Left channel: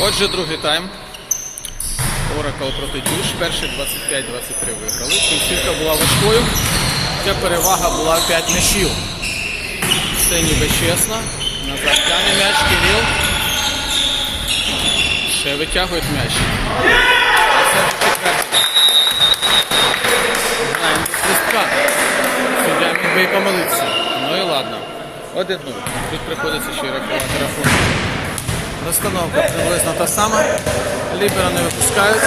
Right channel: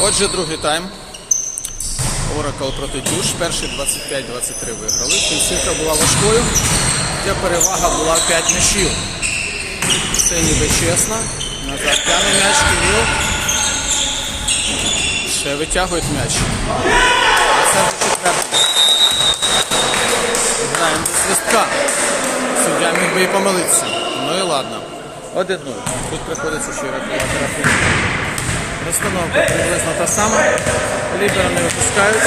Отже, другий тайм. Оракл проти Дюш. Перший 25-23 виграли. Кінцівка була важкою. Хоча перевага була 5 м'ячів. Все ніби чесно. Назад тяне м'яч, Кирил. Ще витягують м'яч. Це вже четвертий. Граємо свистка. Суддя міг би і помилитися. Ну і ладно. Один нуль. Тут приходиться ще й рахувати рахунок. Розстановка приблизно та сама. Лібера не випускають.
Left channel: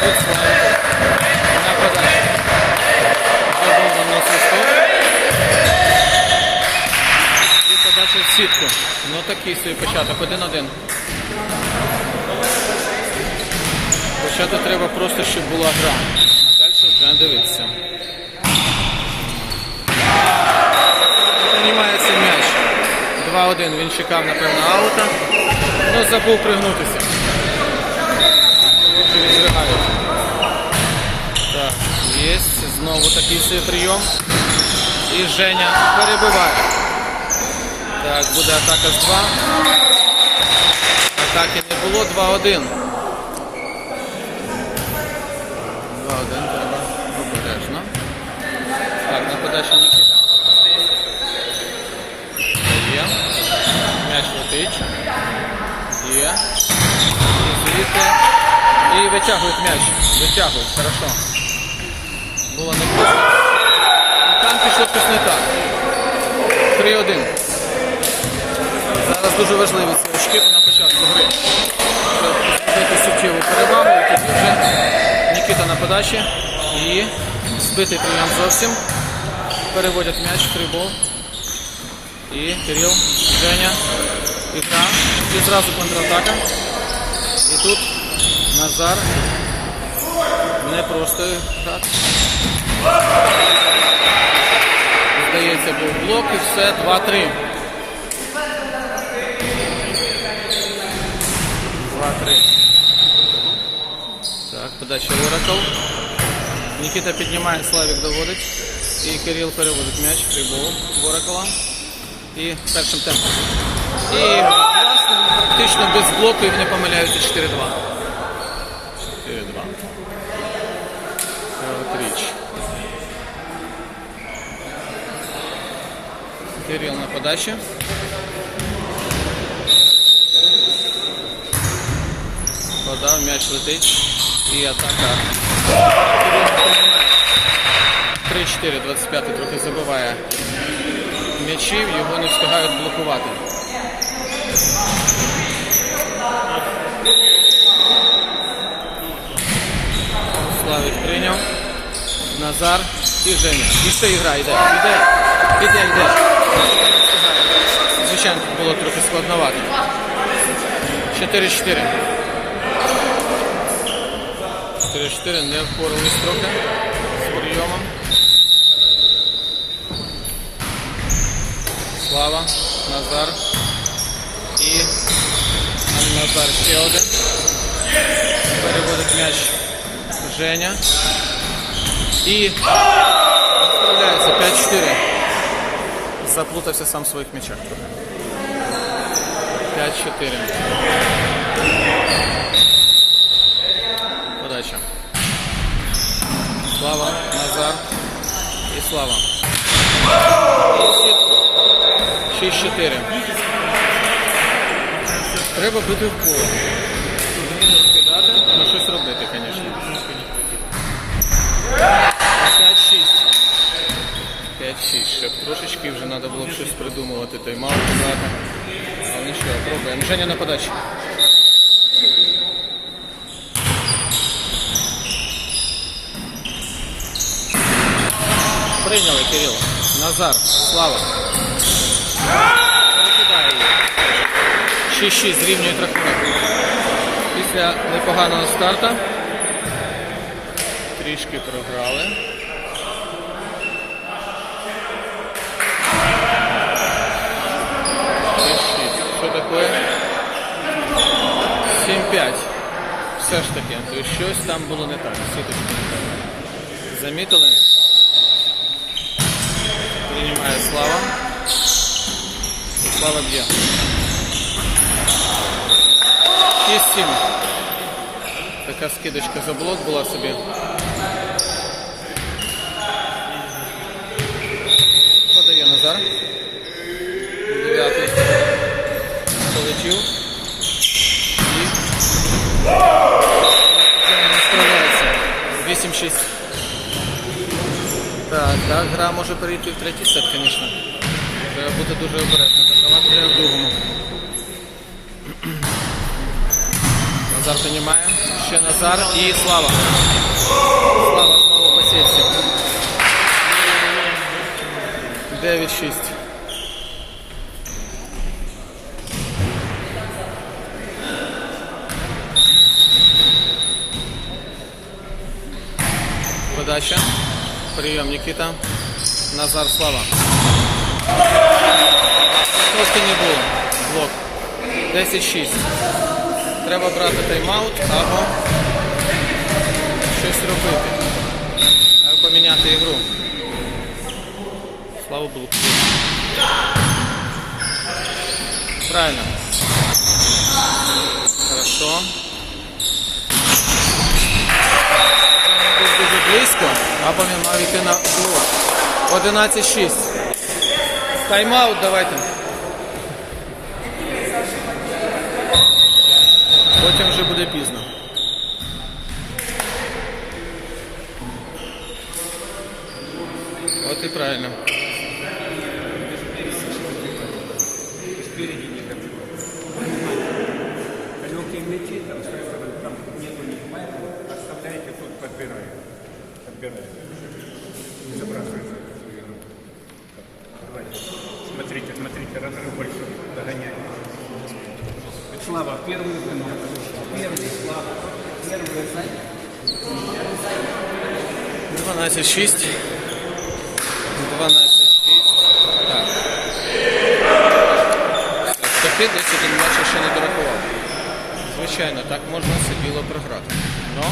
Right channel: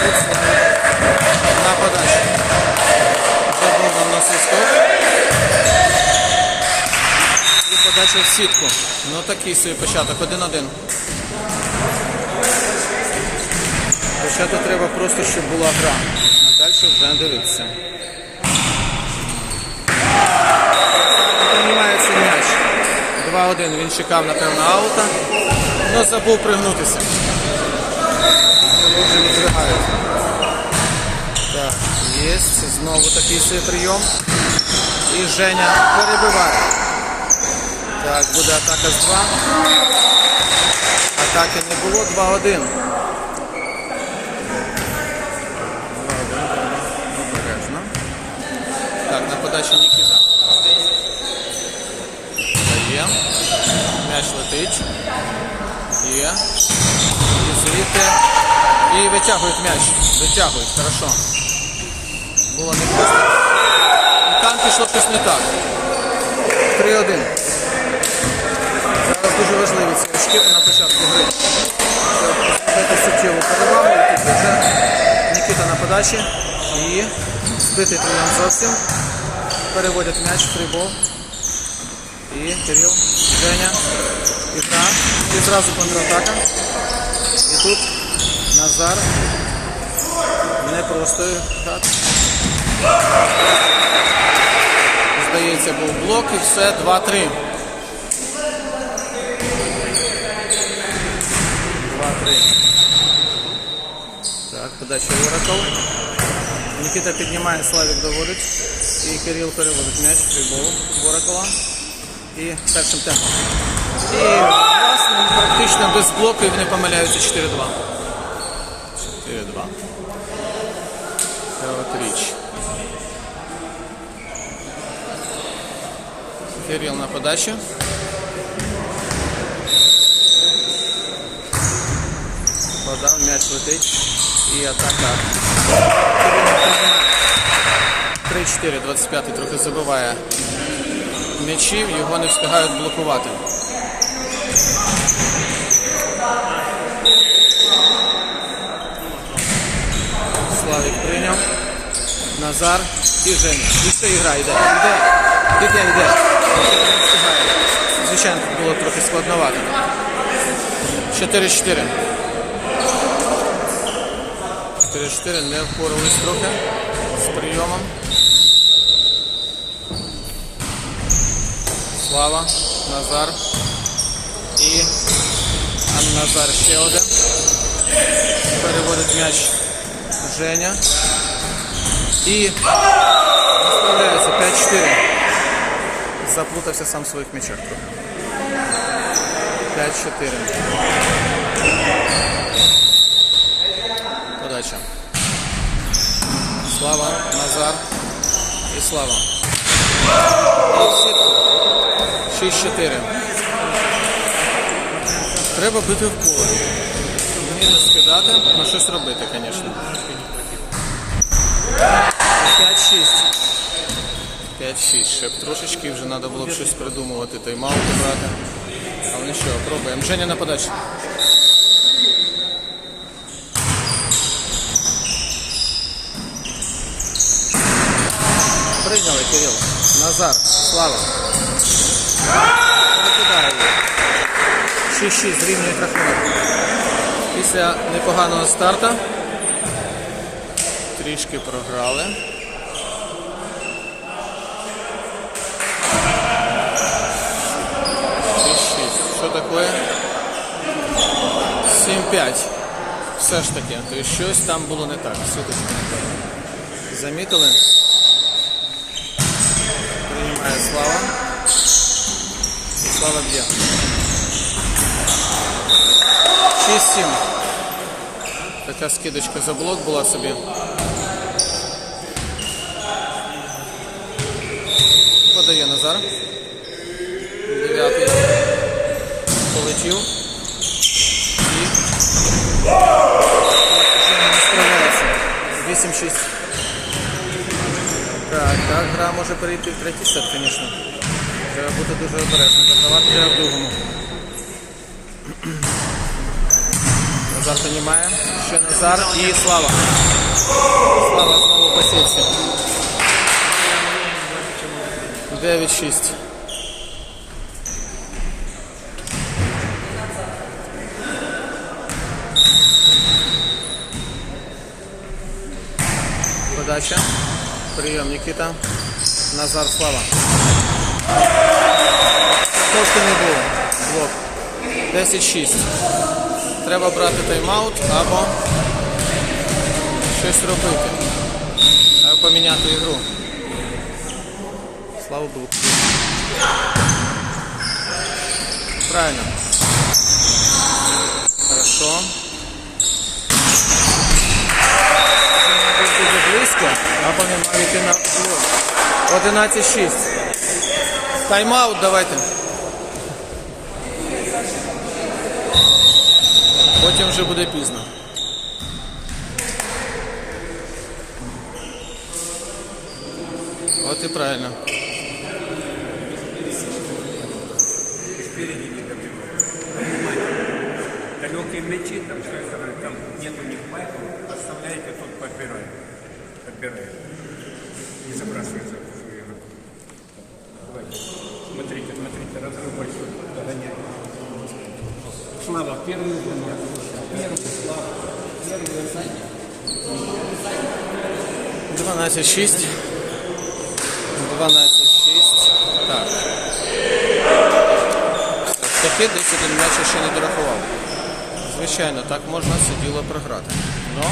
Тут слайд. На подачі. Вже був давно свисток. І подача в сітку. Ну такий собі початок. Один-один. Почати треба просто, щоб була гра. А далі вже дивитися. Приймається м'яч. 2-1. Він чекав, напевно, аута. але забув пригнутися. Вже відригають. Так, є. Знову такий свій прийом. І Женя перебиває. Так, буде атака з 2. Атаки не було. 2-1. М'яч. Є. І звідти. І витягують м'яч. Витягують, хорошо. Було не просто. І там пішло щось не так. 3-1. Зараз дуже важливі ці очки на початку гри. Щоб зробити суттєву перевагу. І тоді вже Нікіта на подачі. І збитий прийом зовсім. Переводять м'яч в фрібол. І Кирил, Женя, ігра. І зразу контратака. І тут Назар. Не просто грати. Здається, був блок і все, 2-3. 2-3. Так, подача Оракл. Нікіта піднімає, Славік доводить. І Кирил переводить м'яч, фрібол Оракла. І першим темпом. І власне, практично без блоку і вони помиляються 4-2. 4-2. Кровотріч. Кирил на подачі. Подав, м'яч летить. І атака. Кирил не приймає. 3-4, 25-й трохи забиває м'ячів, його не встигають блокувати. Славік прийняв. Назар і Женя. І ще ігра йде. Йде. Іде, йде. Звичайно, тут було трохи складновато. 4-4. 4-4 не впорались трохи з прийомом. Слава, Назар і а Назар ще один. Переводить м'яч Женя. І справляється 5-4. Заплутався сам в своїх м'ячах трохи. 5-4. Подача. Слава, Назар і Слава. І сітку. 6-4. Треба бити в поле. Мінус скидати, ну щось робити, звісно. 5-6. 5-6. Ще б трошечки вже треба було б щось придумувати, тайм-аут брати. Але нічого, пробуємо. Женя на подачі. Прийняли Кирило. Назар. Слава. Перекидає її. 6-6 зрівнюють рахунок. Після непоганого старта трішки програли. Що таке? 7-5. Все ж таки, то щось там було не так. Сіточка не так. Замітили? Приймає слава. І слава б'є. 6-7. Така скидочка за блок була собі. Подає Назар. Дев'ятий. Полетів. І вже не справляється. 8-6. Так, так, гра може перейти в третій сет, звісно. Треба бути дуже обережним. Закривати треба в другому. Назар піднімає. Ще Назар і Слава. Слава знову по сітці. 9-6. Подача. Прийом Нікіта. Назар Слава. Трошки не було. Блок. 10-6. Треба брати тайм-аут або щось робити. Або поміняти ігру. Слава Богу. Правильно. Хорошо. Був дуже близько, або він мав йти на блок. 11-6. Тайм-аут давайте. Потім вже буде пізно. От і правильно. спереди не добью. Внимание. Далекие мячи, там все это, там нету них поэтому оставляйте, тут подбирает. Подбирает. Не забрасывается в свою игру. Давайте. Смотрите, смотрите, разрыв большой. Догоняет. Слава, первый звонок. Первый, Слава. Первый занят. 12-6. 12-6. Так. Таки десь один м'яч ще не дорахував. Звичайно, так можна все діло програти. Ну,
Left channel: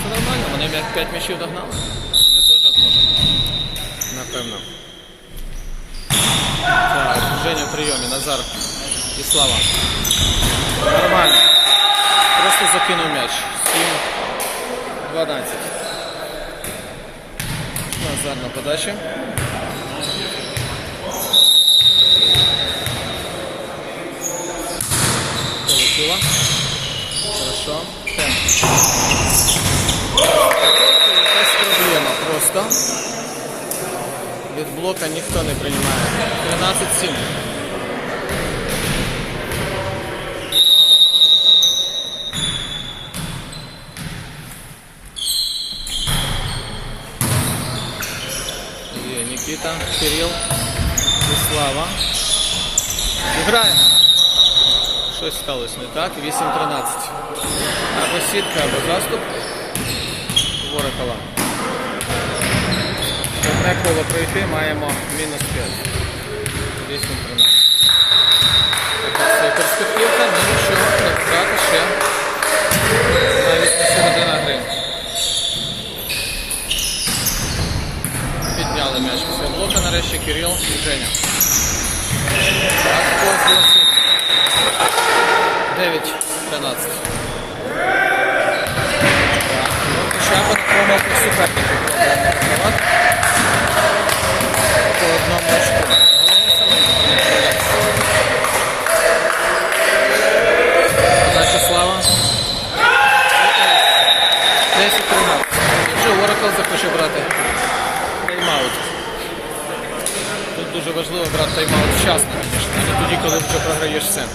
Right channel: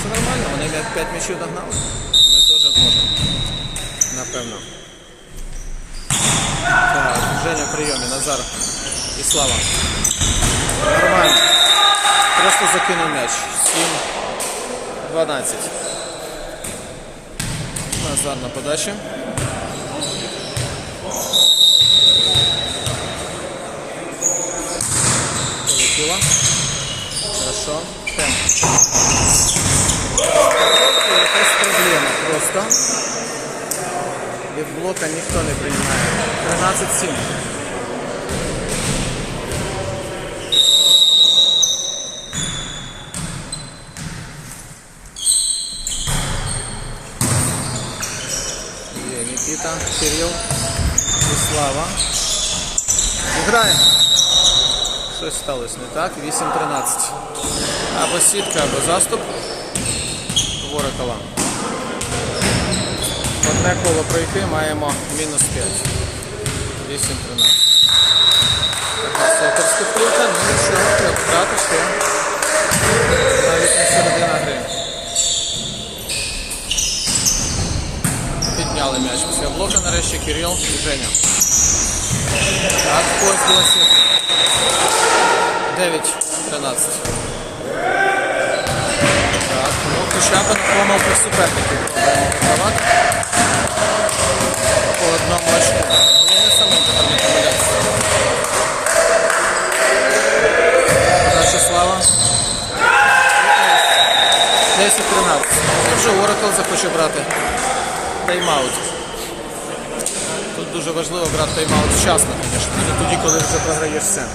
все нормально, вони 5 м'ячів догнали. Ми теж зможемо. Напевно. Так, Женя в прийомі, Назар і Слава. Нормально. Просто закинув м'яч. 7-12. Назар на подачі. Полетіла. Хорошо. Темп. Якась проблема просто. Від блока ніхто не приймає. 13-7. Є Нікіта, Кирил і Слава. Граємо. Щось сталося не так. 8-13. Або сітка, або заступ. Ворокова. Одне коло пройти, маємо мінус 5. 8-13. Така це перспективка, ну нічого, треба грати ще. Навіть не середина гри. Підняли м'яч після блока, нарешті Кирил і Женя. Ось 9-13. Так, ну хоча б помилку суперників. По одному очку. Головне самим тепер не помилятися. Подача слава. 10-13. Вже Oracle захоче брати тайм-аут. Тут дуже важливо брати тайм-аут вчасно, звісно, не тоді, коли вже програєш все. 10-13.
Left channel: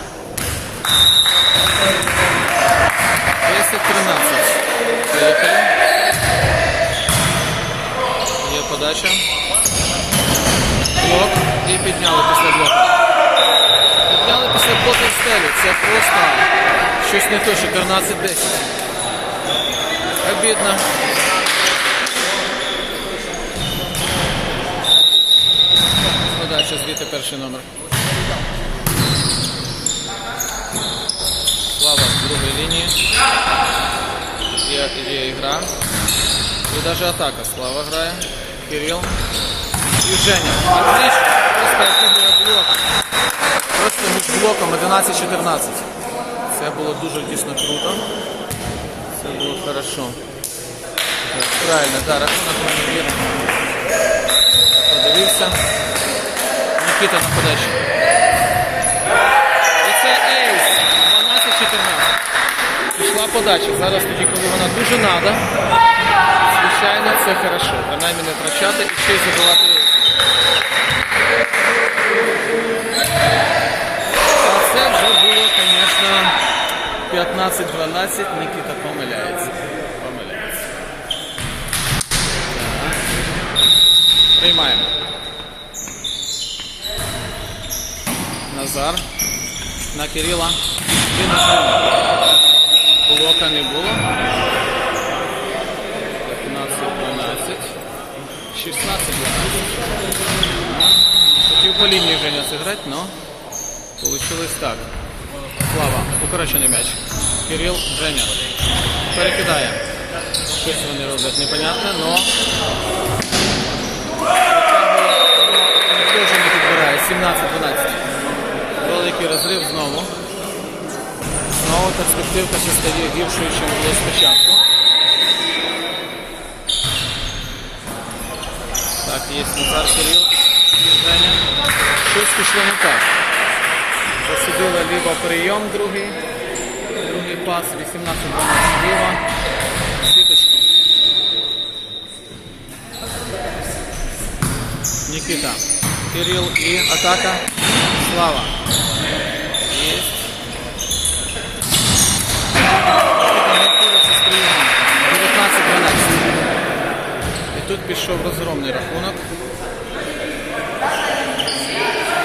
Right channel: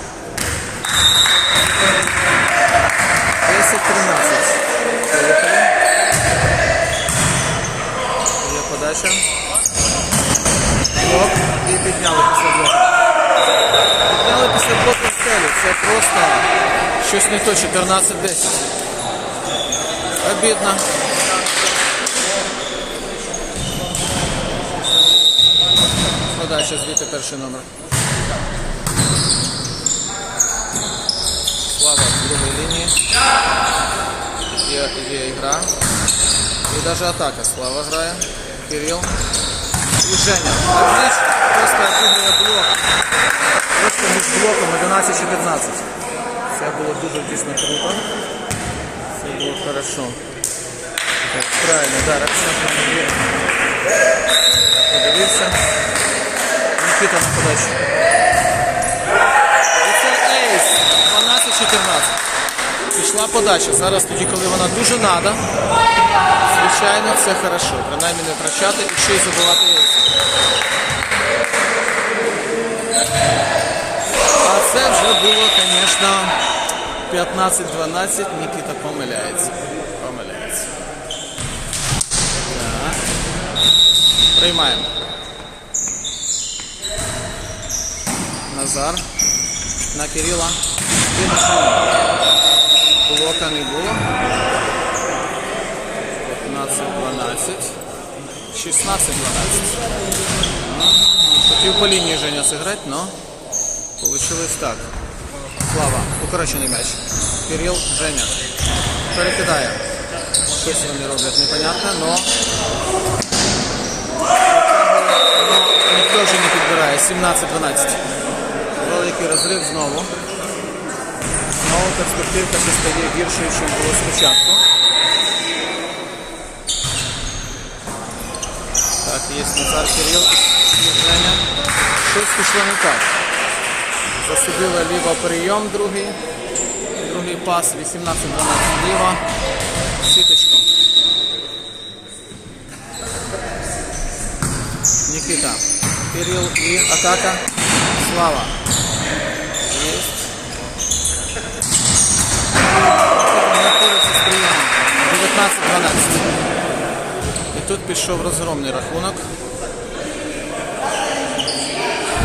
Поїхали. Є подача. Блок. І підняли після блоку. Підняли після блоку в стелю. Це просто щось не то, 14-10. Обідно. Подача звідти перший номер. Слава в другій лінії. Є, є ігра. І навіть атака. Слава грає. Кирил. І Женя. Просто отыгрывая блок. Просто між блоком 11-14. Це було дуже дійсно круто. Це було хорошо. Так, правильно, да, рахунок мене вірний. Подивився. Нікіта на подачі. І це ейс. 12-14. Пішла подача. Зараз тоді, коли вона дуже надо. Звичайно, це хорошо. Принаймні не втрачати і ще й забивати ейс. А це вже було, звісно, 15-12. Нікіта помиляється. Приймаємо. Назар. На Кирила. І на Женю. Блока не було. 15-12. 16-12. Хотів по лінії Женя зіграти, но получилось так. Слава, укорочений м'яч. Кирил, Женя. Перекидає. Щось вони роблять непонятне, но но ніхто вже не підбирає. 17-12. Великий розрив знову. Знову перспективка ще стає гіршою, ніж було спочатку. Так, є Назар Кирил Женя. Щось пішло не так. Засудила ліво прийом другий. Другий пас 18-12 ліво. Сіточку. Нікіта. Кирил і атака. Слава. Єсть. Нікіта не впорається з прийомом. 19-12. І тут пішов розгромний рахунок.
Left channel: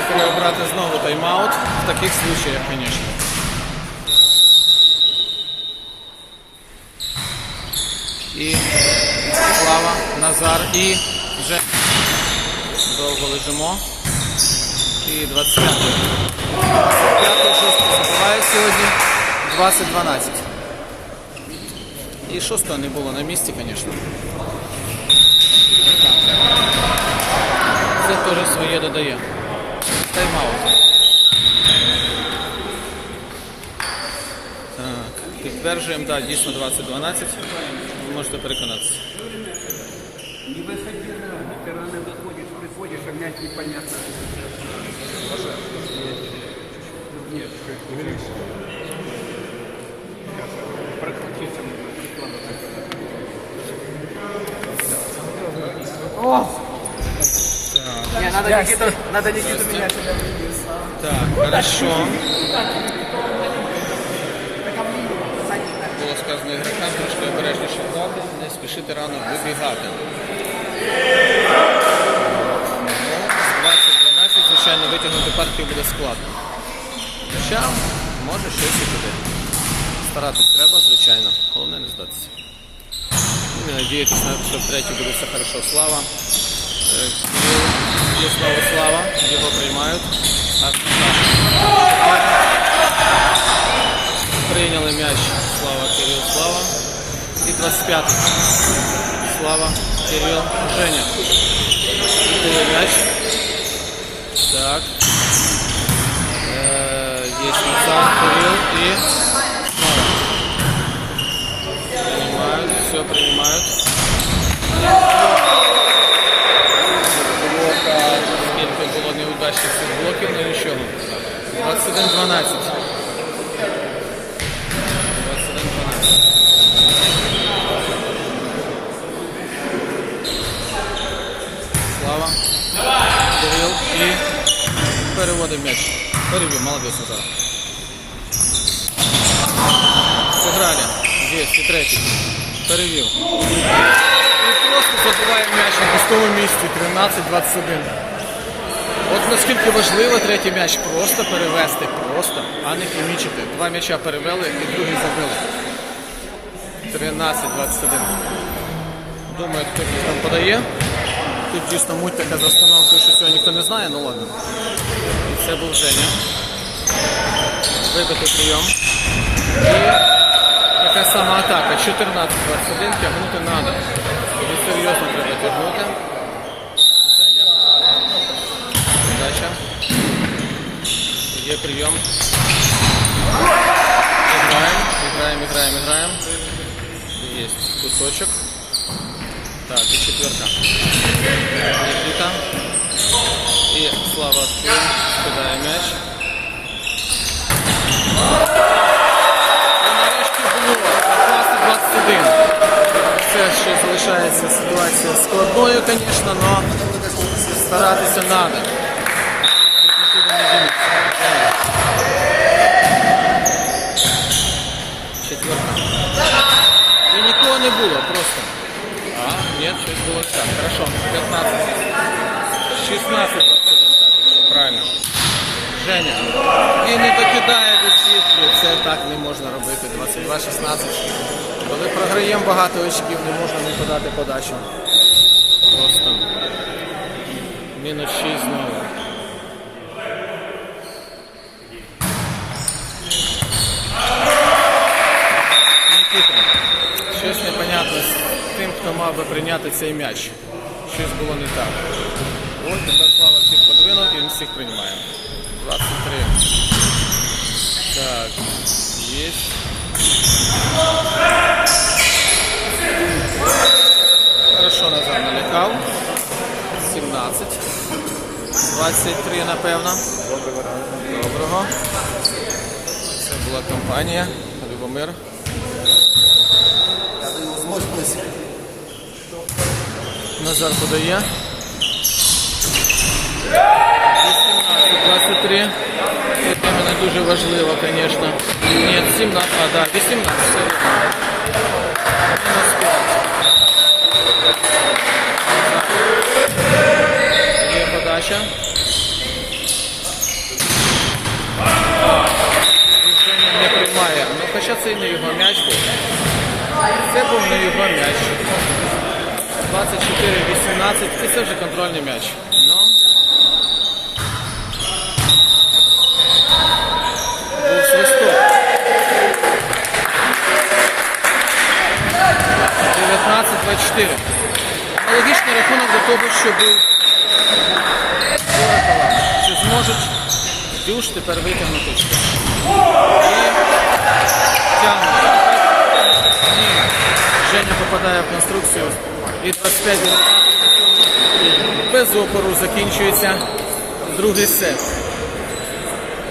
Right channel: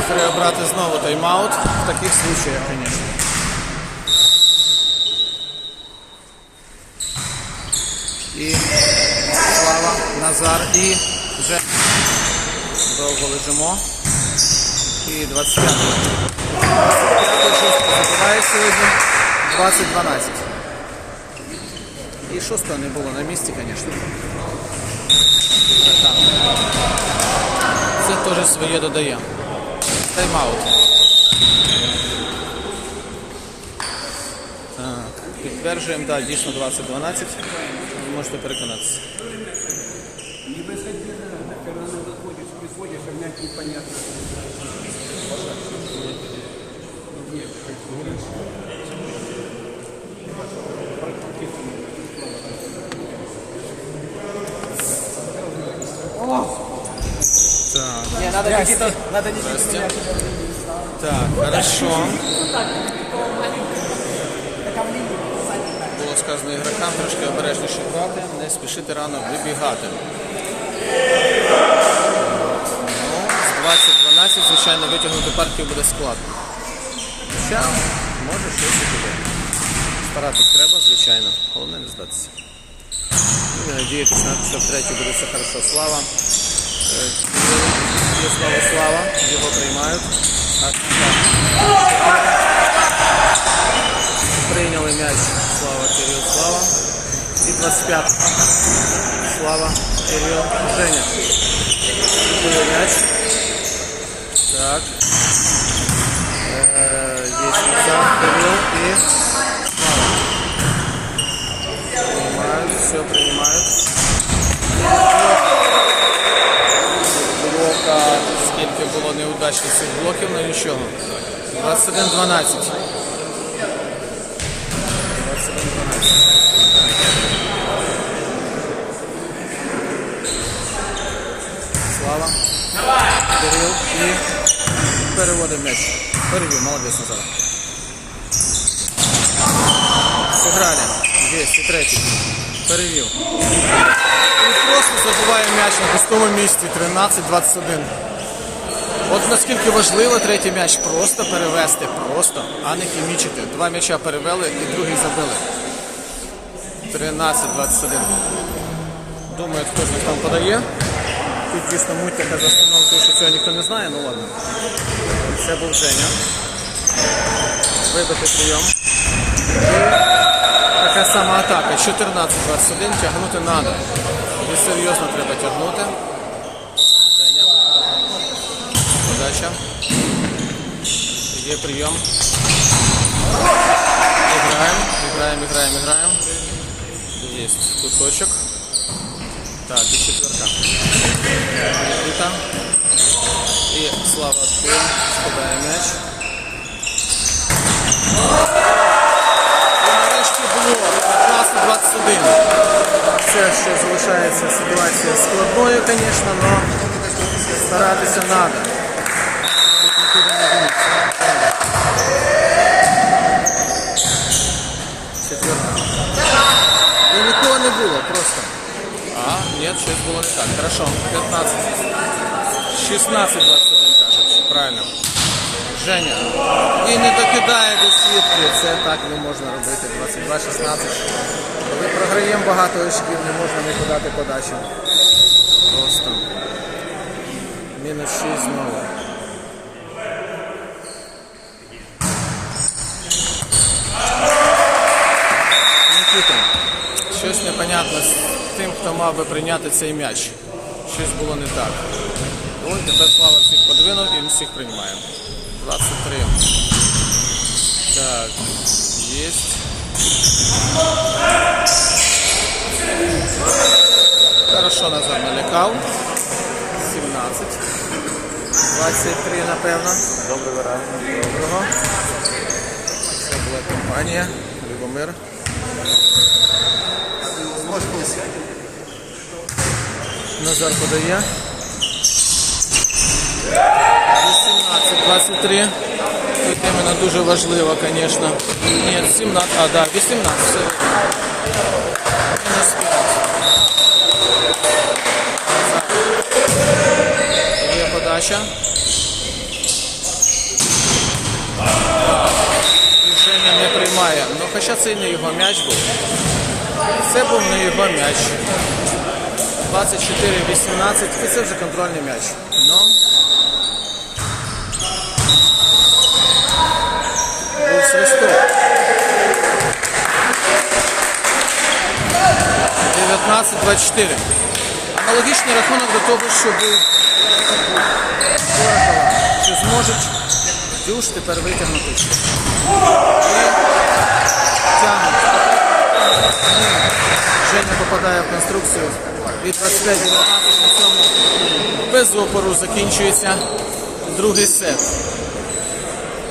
Треба брати знову тайм-аут в таких случаях, звісно. І Слава, Назар і вже довго лежимо. І 25. 25 шостий забиває сьогодні. 20-12. І шостого не було на місці, звісно. Це теж своє додає. Тайм-аут. Підтверджуємо, так, дійсно 20-12. Ви можете переконатися. Не выходи рано. Ты рано заходишь, приходишь, а мяч непонятно. Ну, Нет, прокрутиться нужно. Так, Не, надо Никиту, надо Никиту менять. так, хорошо. Було сказано ігрокам трошки обережніше грати, не спішити рано вибігати. Ну, з 20-12, звичайно, витягнути партію буде складно. Хоча, може щось і буде. Старатись треба, звичайно. Головне не здатися. Ну, і надіятися, на те, що в третій буде все хорошо. Слава. Е, Кирил. Є знову слава. Його приймають. А, так. Прийняли м'яч. Слава, Кирил, Слава. І 25. Слава, Кирил, Женя. Віддає м'яч. Так. Е, є Назар, Кирил все принимают. Блока, скільки було неудачних цих блоків, ну нічого. 21-12. 21-12. Слава. Кирил і переводить м'яч. Перевів, молодець Назар. Сыграли. 203. Перевів. І просто забуває м'яч на пустому місці 13-21. От наскільки важливо третій м'яч просто перевести, просто, а не хімічити. Два м'яча перевели і другий забили. 13-21. Думаю, хто ж там подає. Тут дійсно муть така за остановкою, що цього ніхто не знає, ну ладно. Це був Женя. Вибитий прийом. І така сама атака. 14-21 тягнути треба. І серйозно треба тягнути. Подача. Є прийом. Играем, играем, играем. Есть кусочек. Так, и четверка. Никита. И Слава скидає м'яч. Було 15-21. Все ще залишається ситуація складною, звісно, але старатися треба. Четверка. І нікого не було, просто. А, ні, щось було не так. Хорошо, 15. 16-21 кажуть, правильно. Женя. І не докидає до сітки. Це так не можна робити. 22-16. Коли програємо багато очків, не можна не подати подачу. Просто. Мінус 6 знову. Нікіта, щось непонятно з тим, хто мав би прийняти цей м'яч. Щось було не так. Ось тепер Слава всіх подвинув і всіх приймає. 23. Так, есть. Хорошо Назар налякав. 17. 23, напевно. Доброго. Це була компанія. Любомир. Назар подає. 18-23. Тут дуже важливо, звісно. Ні, 17, а, да, 18. Все вірно. Мінус 5. Є подача. Рішення не приймає. Ну, хоча це і не його м'яч був. Це був не його м'яч. 24-18, і це вже контрольний м'яч. Ну. Був свисток. 19-24. Аналогічний рахунок до того, що був. Чи зможуть Дюш тепер витягнути? І тягнуть. Ні. Женя попадає в конструкцію. І 25 19 на цьому без опору закінчується другий сет.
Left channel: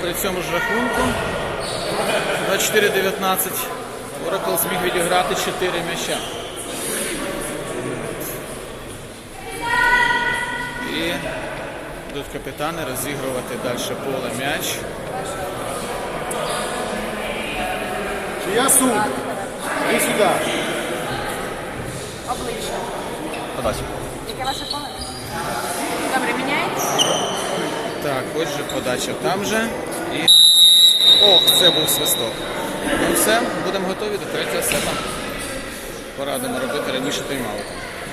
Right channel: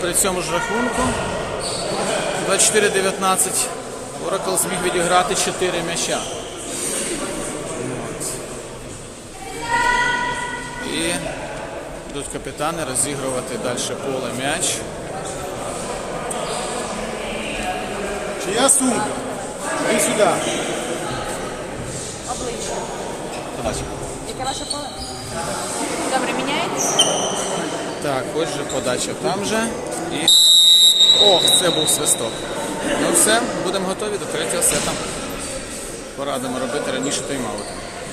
При цьому ж рахунку 24-19 Оракл зміг відіграти 4 м'яча. І йдуть капітани розігрувати далі поле м'яч. Я суд. Иди сюда. Обличчя. Подача. Яке ваше поле? Добре, міняється? Так, ось же подача там же. І. Ох, це був свисток. Ну все, будемо готові до третього сета. Порадимо робити раніше тайм-аути.